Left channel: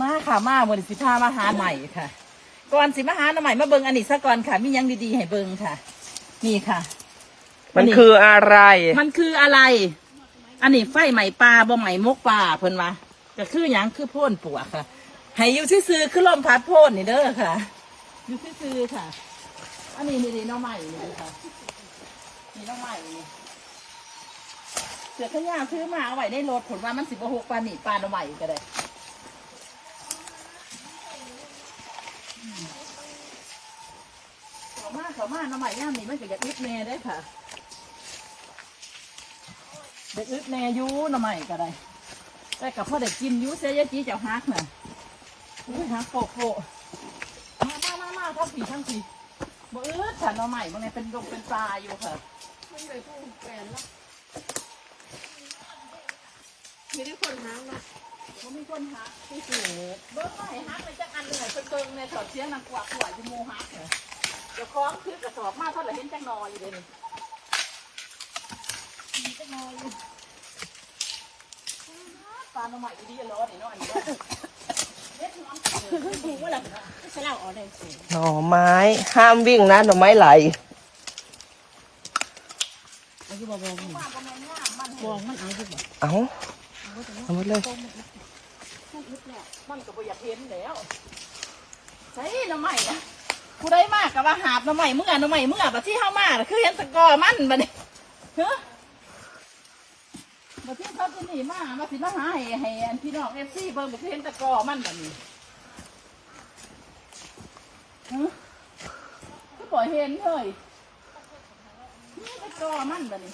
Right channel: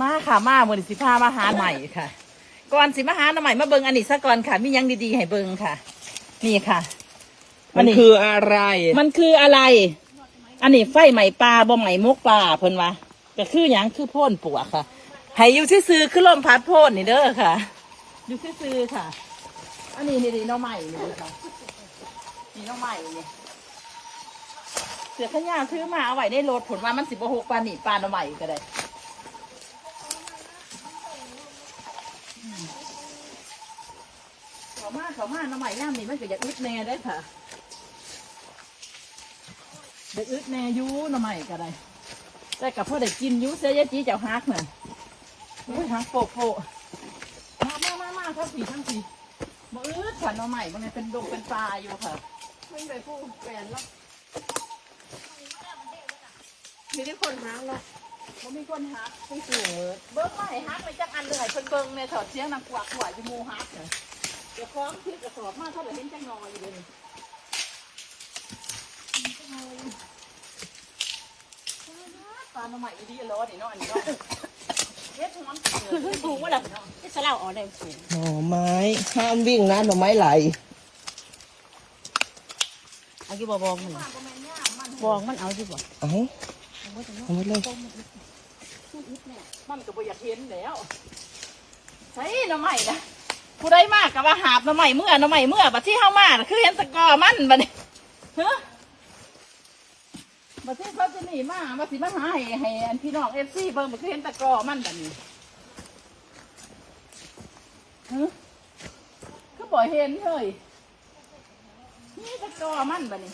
มาค่ะมาวันนี้สิพามาหาใหม่ค่ะ ก่อนสิมาหาหน่อใหม่มาเบิงอันนี้ซะก่อนค่ะ มีหยังดีๆให้เบิงค่ะ นี่ค่ะ มันคืออะไร มันคืออะไร อันนี้ไฟใหม่ปลาบ่ใหม่มกปลาเพิ่นว่าก็คือหยังคือโพ่นปัวค่ะให้อยู่ที่ซื้อคือลมพัดโพ่นนี่เด้อค่ะ อยู่ที่ซื้อค่ะ อันนี้นี่นี่น้องใหม่นี่ค่ะนี่น้องใหม่นี่เสือขยางซื้อมาเอาไว้ในรถผลว่ามันสิบหกปลาหนีปลาน้องใหม่ก็ได้อืมเขา มาเขามาน้องใหม่ย่ามนี่มันก็อยากอึดแน่ได้อค่ะเด็กอึดแน่อยูหน่อใหม่ก็ได้ แต่กับพ่อเด็กกินอยูเสียยายจีเจ้าฮักน่ะอุ้ยฮักโปะโปะมามามามาทั้งสี่ทั้งสี่บ่อึดค่ะหน่อใหม่บางไงเป็นดุเป็นปลาอยู่ค่ะไม่ได้พูดแฟนแล้วมีได้คนหาเนาะบ่มีคนฮักที่สื่อเบิ้งไม่ฮักไปจักอันเลยเพิ่นเบิ้งในถอดเสียงนางกวักหัวอยู่หมูฮักเหรอ เดี๋ยวคล้องคือกระสอบมาเท่าไหร่เห็นจังนอยอยู่เลยนี่เห็นจังนอยอยู่ปลาหน่อใหม่ดีๆร้อนนี่เนาะอันนี้เนาะเฮ็ดมันเออถูกว่าล่ะไม่ใช่เราออกได้สูงหน่อไม้ห้ามวิ่งนะหน่อไม้ไหลเอาที่บอบองหนึ่งปลาบ่แม่นย่ามมันบองมันเอาที่บ่เอาเอาหมดเลยมันก็บ่อยากเห็นแล้วใช่หน่อใหม่นะ ผู้ใดมากก็ว่าหาบหน่อใหม่เมื่อหน่อใหม่เมื่อบัดที่เฮามาน่ะคือเห็นตะกอมันบัดนี้ฮะมาเที่ยวเขาจะหนีมามาสิมาหาให้ให้อันพี่น้องเอฟซีเบิ่งไปเห็นตะกอมันแบบนี้ฮะก็บ่เห็นเลยนี่ตะกอมันแบบนี้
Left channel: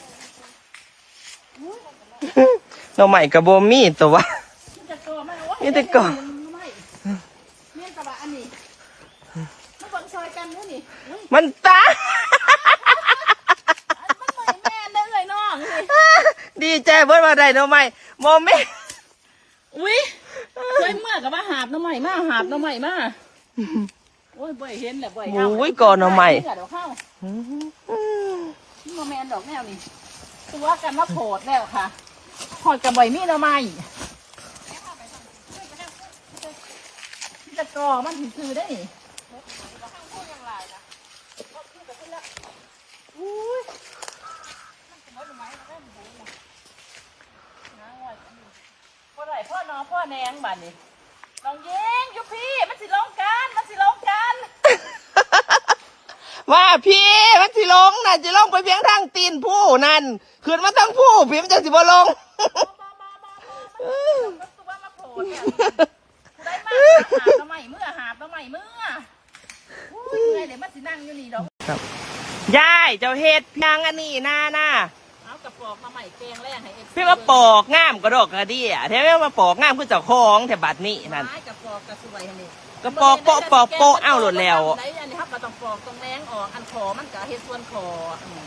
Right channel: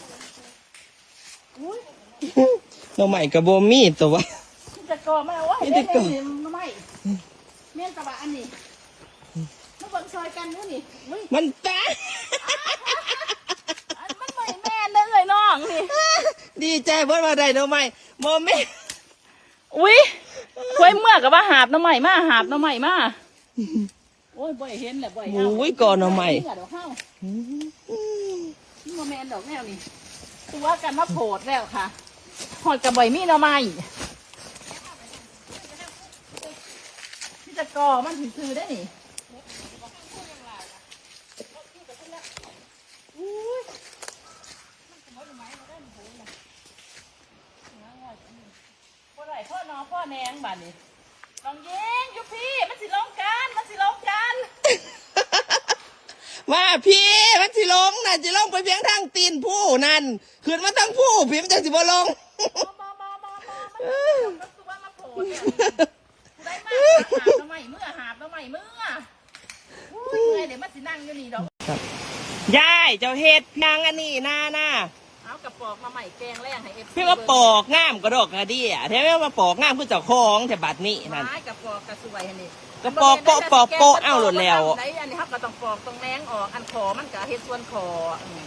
อุ้ยหน่อไม้กับโบมีตัววะนี่ตะกอมันเอาไว้นี่ตะกอเห็นทำไมเมี่ยนตะบะอันนี้มันเบิ่งซอยกันเด้อนี่อุ้ยมันตา อันมันไม่แม่นเด้อเลยน้องนี่ดีใจเบิดว่าได้หน่อไม้โมเมอุ้ยควยเมื่อกับว่าหาบหน้ำใหม่มาหาบหน้ำใหม่มาโอ้ยบ่อยเห็นแหละบ่อยโอ้ยก่อนหน่อไม้ เดอกเฮานี่มาแมนดอกแนวนี่ตัวกันมาโผดแล้วค่ะหอดกับบ่อยมีหน้ำใหม่ที่จะกอมันถึงซื้อได้นี่ พ่อไหลพ่อน้องพ่อแนงบ้านนี้น้องเย้งอยู่พี่ มันสิลงกันมันสิลงกันว่าพี่มันสิลงน่ะสิลงไปเพียงทางตีนผู้นั่นขึ้นมาทั้งผู้พี่มันจะสิบ่ลงบอบอบอบอมันตัวมาโผล่เนี่ยได้มากหาบน้ำใหม่เมื่อหาบน้ำใหม่เมื่ออุ้ยเมื่อยเดี๋ยวมันสินั่งอยู่นี่ดอก ยายเจ้าเฮ็ดยางอันนี้นาน่ะเอากระปอกมาใหม่แกงแรงให้เอฟพี่ว่าปอกงามกระดอกกระเดียแท้ไม่มาปอกงามคือเจ้าของแต่บัดนี้นั่นไม้กระปอกกระสวยอันนี้กระปอกโปะปอกโปะเอ้าหลุดแล้วไหนอันนี้ครับก็ต้องปอกตรงแรงออกอันคอมันก็เฮ็ดส่วนคออืม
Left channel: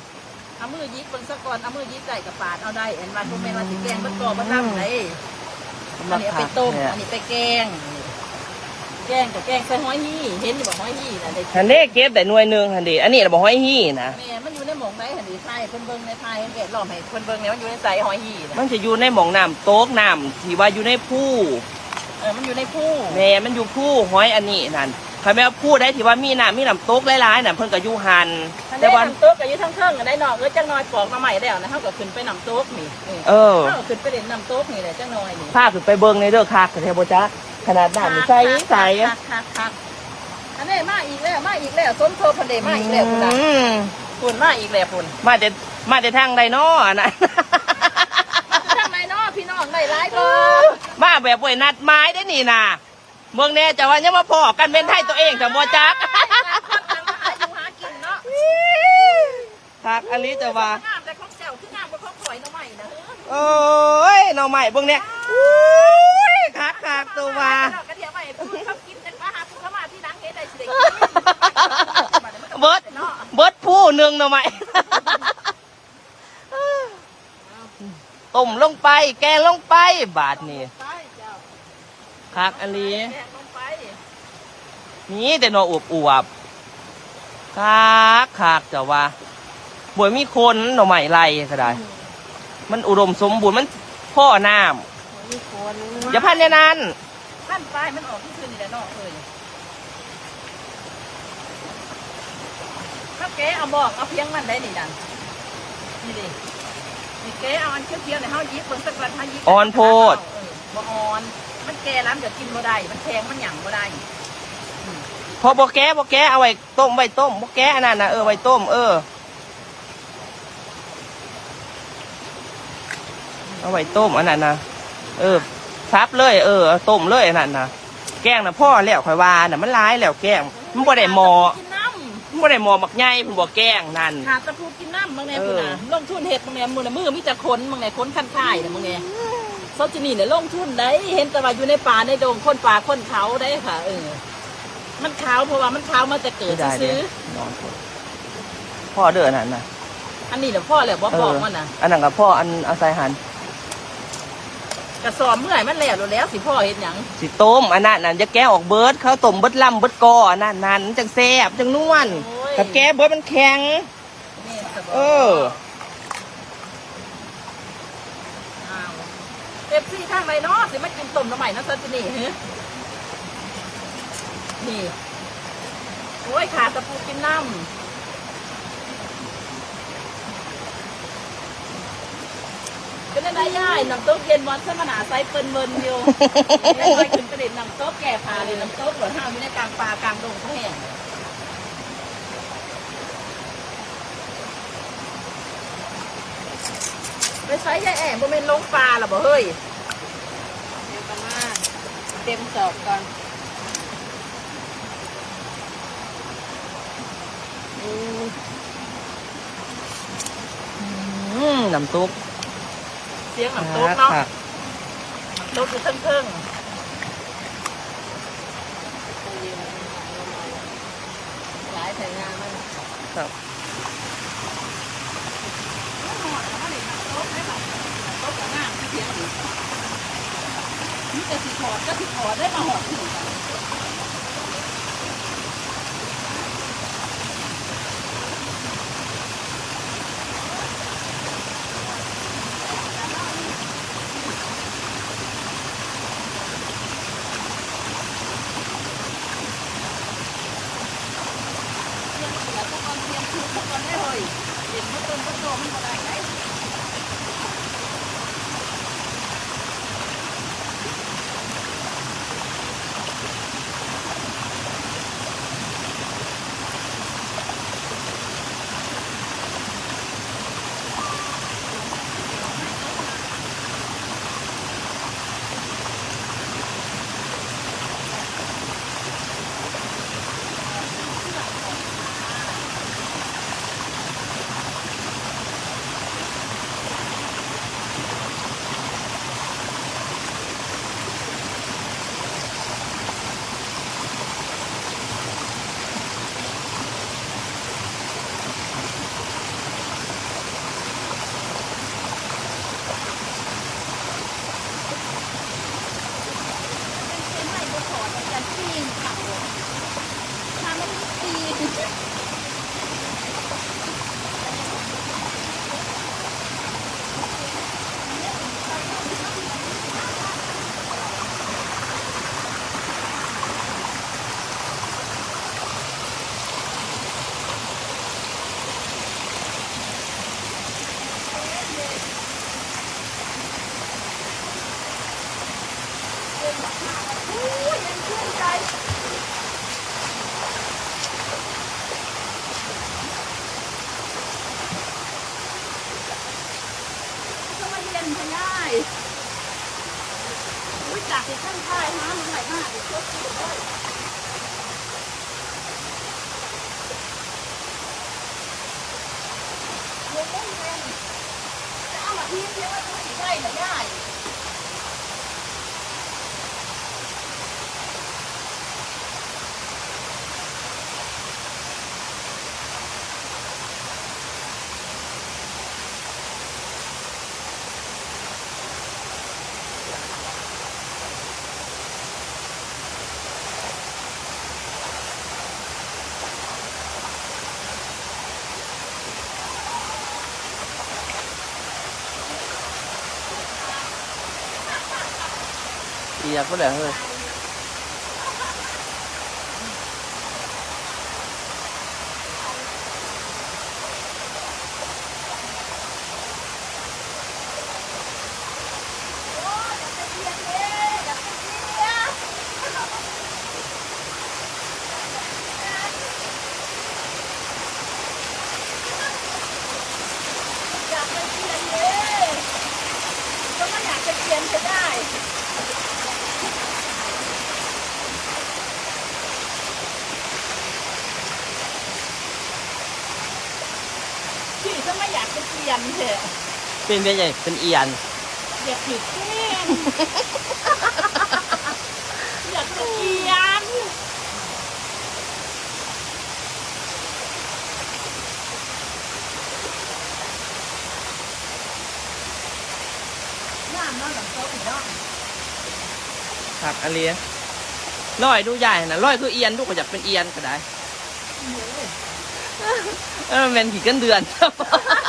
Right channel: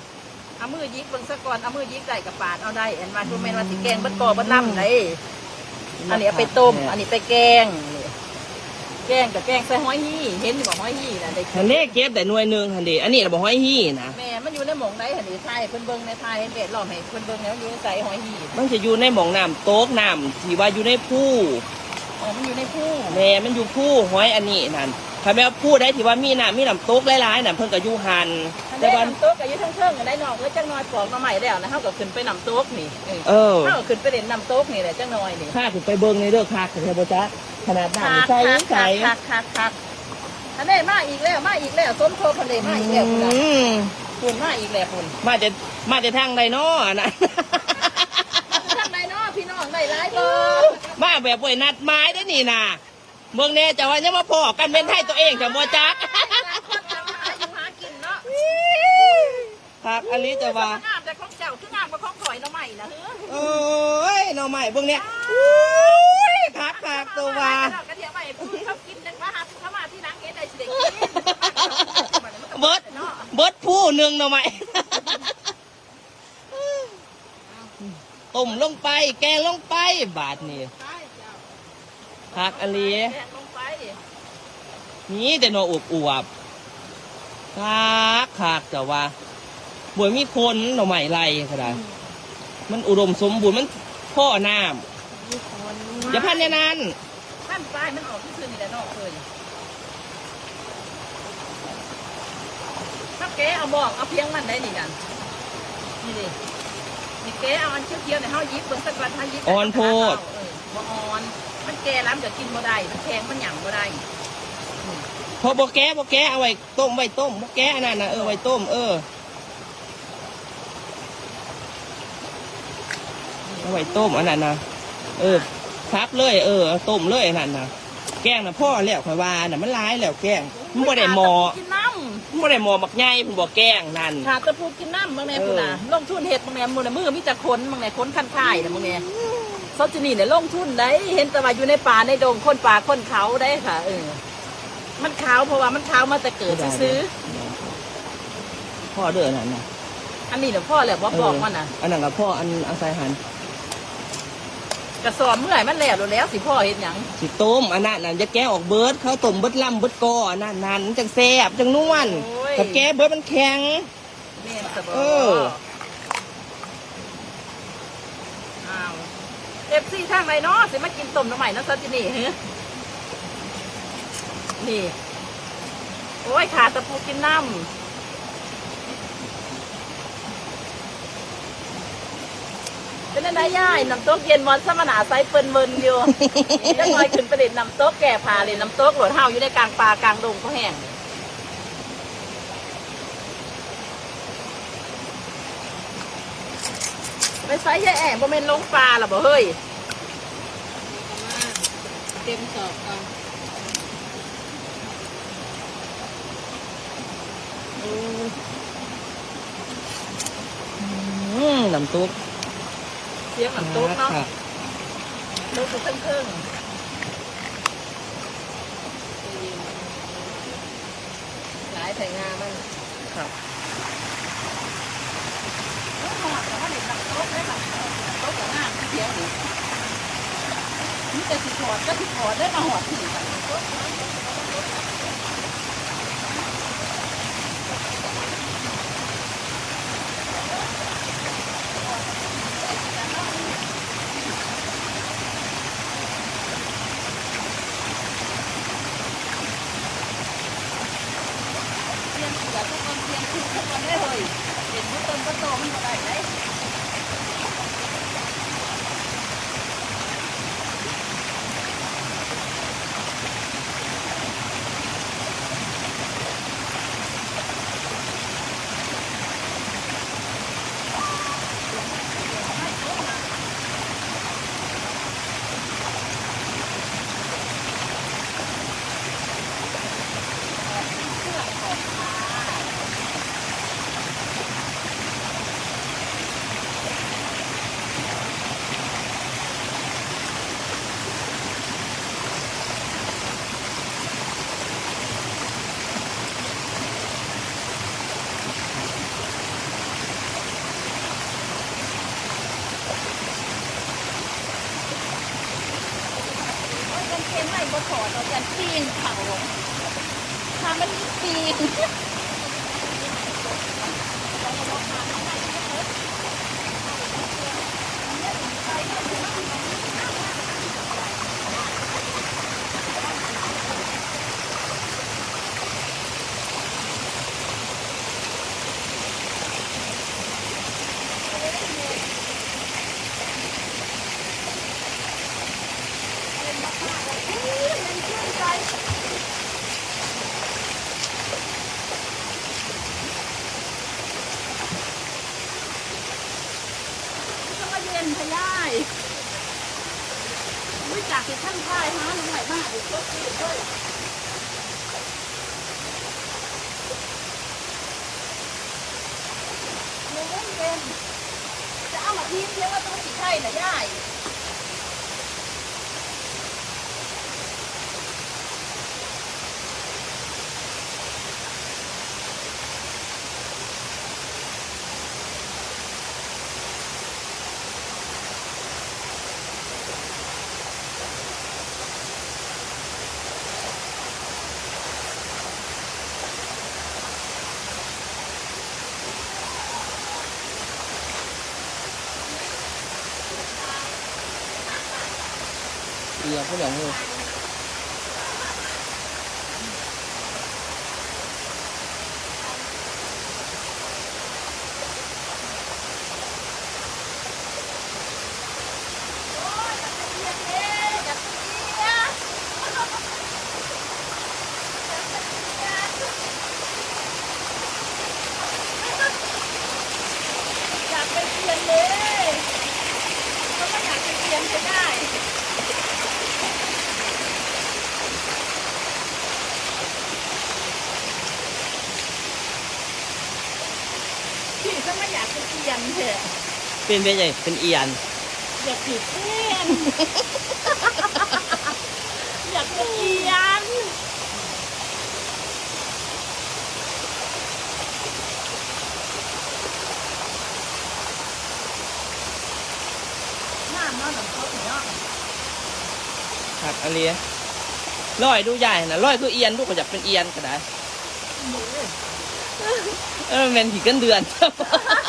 เอามือยิกเบิ่งซะก่อนเอามือยิกใส่กระปาดเอาได้อันว่าคือแม่นว่าสิแกงเบิดคอเบิดลำไหนอันนี้เอาไปต้มอันนี้ไปแกงนี่ แกงกับแกงใส่หอยหี่เห็นอยู่บ่หอยหี่น่ะได้ฮันเด้เก็บแต่หน่วยหนึ่งฮันเด้อันนี้เราบอกให้ฮี่นะแม่มันอยู่ในหมองไหนหันดีไทยเพิ่นเบิ่งในไทยเห็นเด็ดล้อมให้เพิ่นเบิ่งเนี่ยมันอยู่ในใจหอยหี่น่ะมันจะอยู่ในหมองน้ำโต๊กน้ำที่ว่าอยู่ในผู้เออมันอยู่ในคู่แม่มันอยู่ผู้หอยอันนี้นั่นใครแม่ผู้ได้ที่ว่ามีน้ำมีน้ำโต๊กหลายๆน่ะเพิ่นก็อยู่หันแต่แต่ว่าว่าน้ำตุ๊กก็อยู่ทั้งเครื่องกันได้เนาะเออจังน้อยปอกมาใหม่แล้วนะเฮาก็ขึ้นไปน้ำตุ๊กนี่เออเออเฮาก็ขึ้นไปเด่นน้ำตุ๊กนี่แหละจังน้อยนี่ พาขึ้นไปเบิ่งในเด้อคักแต่บ่จ๊ะ ขนาดน้ำใสใสคักคักคักอันนี้มาอีกแล้วมาอีกแล้วส้มโชว์พะเลมาอีกแล้วพุ่นน่ะอืมพุ่นมาอีกแล้วพุ่นมาแต่มาแต่ทางใดน้ออันนั้นทำไมเนาะพี่น้องได้หลายก็มาแบบป่วยนัดไม้ได้นี่นะเมืองแน่จะว่ายังมาพอกันเป็นไทยตัวเองแต่บ่จักหาอยู่หากินเนาะคักอันนี้จะว่างามแต่ของเจ้าคืองามกว่าของข่อยเนาะใหม่นะโอ้ยหน่อใหม่เบิ่งเนี่ยอุ้ยคักคัก ตัวว่ากระเทียมไปพูดเขากินจังมาหาเขามาที่นังเฮ็ดได้สิเด็กเบิดเนาะเบิดผู้หนึ่งหน่อใหม่ต้มลงไป แกงลงไป บาทนี่คักอันนี้แกงลงไปมีแต่หน่ออวบอวบๆคักคักจะว่าบ่มีคนหน่อใหม่ไรก็ได้ มันอุดมสมบูรณ์มันพ่อน้ำอย่าพันในนั้นท่านนปลายมันออกที่ซื่อนี่แหละเนอกเอ้ยถ้าแกเอาบอกเอาเพียงมันได้นี่ดันนี่ดินี่แกเอาอันเคี้ยวๆเนี่ยเฮายิบเบิ่งสักวันเฮายิบอ่อนโพด เออบ่อ่อน มันแก่แล้วมันจะกินบ่ได้ มันแข็งมันหยั่งบ่ได้ พอบ่แก้บ่แก้เอาไว้ต้มไว้ต้มบ่แก้อันนั้นนะเออไว้ต้มเออ เอาไว้ต้มอันนั้นนะเออ ซับเลยเออเอาต้มเลยอันนั้นนะแกงนะพ่อแล้วข่อยว่าน่ะมันร้ายแล้วแกงมันบ่ได้หมอกินน้มันบ่ได้หมอบักใหญ่เพิ่นบ่แกงนั่นำขาดตะพูกินน้ำมึงเนี่ยเออพุ่นน่ะลงทุนเห็ดมึงเนี่ยมือน่ะมือมีแต่ขนมึงเนี่ยขนคันค่ายน่ะมึงเนี่ยซอจินี่เนี่ยลงทุนได้เห็นแต่ว่าอยู่ในป่าในดงคนป่าคนเขาได้ค่ะเออมันขาวเพราะว่ามันขาวมาแต่เกิดได้ซื้อเด้พ่อเด้ออันนั้นน่ะอันนี้เดี๋ยวพ่อแหละว่าบอกมันน่ะอันนั้นกับพ่ออันเอาใส่หัน กระสอบเมื่อไหร่มันแล้วแล้วสิพ่อเห็นหยังสิต้มอันนั้นน่ะจะแก้ออกเบิดเขาต้มเบิดลำเบิดกออันนั้นนั่นจังแซ่บจังนวลกับแก้เบิดมันแข็ง แม่นสบเออ อ้าวเอฟซีทางไหนเนาะสิมากินต้มน้ำใหม่นะซอจินี่ฮะนี่ โอ้ยขาดตะปูกินน้ำ เป็นอะไรย่ายน้ำตกเย็นวันสมนาไซเปิ้นเมินอยู่ได้เคยถึงประเด็นน้ำตกแก่พาเลยน้ำตกหลวงเฮาอยู่ในกลางป่ากลางดงเขาแห้งเลยไปไซยายแอบบ่เมนลงปลาหรอบ่เฮ้ยเดี๋ยวกันมาเต็มสอบก่อนอืมน้ำซุปเสียงน้ำตกเนาะค่ะตกอยู่เครื่องหลายแต่งานมันครับนี่จะสิถอดก็สิถอดได้มาหอดถึงเตรียมเสือทุ กคนเตรียมคือทุกคนได้เลยเห็นว่าต้นก็โตมันก็ได้ไหม มันเป็นไรบ่ถอดเราจะปีนเขาถ้ามันปีน จาเย็นพะย่ายอุ้ยจากที่ท่านพายฮะมันไหลมากอีกรถติดด้วยเย็นเย็นจะเอามาทิ้งเพียงว่าต้องสิใช่เหรอย่าย เนี่ยผู้เหลือเลยอยากไปเรียนเลยก็ไม่อยากจะเรียนจะได้ เถอะเป็นเป็นไงเป็นเอียนเด็กผิดเต้นอยากเป็นเอียนน้ำนอนหลังโต๊ะอีกเนาะผักอันเลียร้อยดูใหญ่นะร้อยคือเอียนดูก็อยากเป็นเอียนก็ได้ เออมันเป็นผีกันเดือนมันเป็นสีขั้นเดื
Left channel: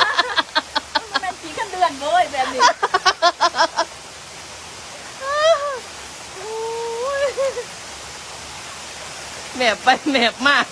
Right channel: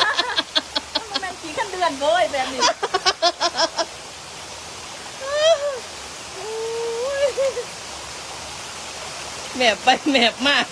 อนเว้ยแบบนี้แมบไปแมบมาก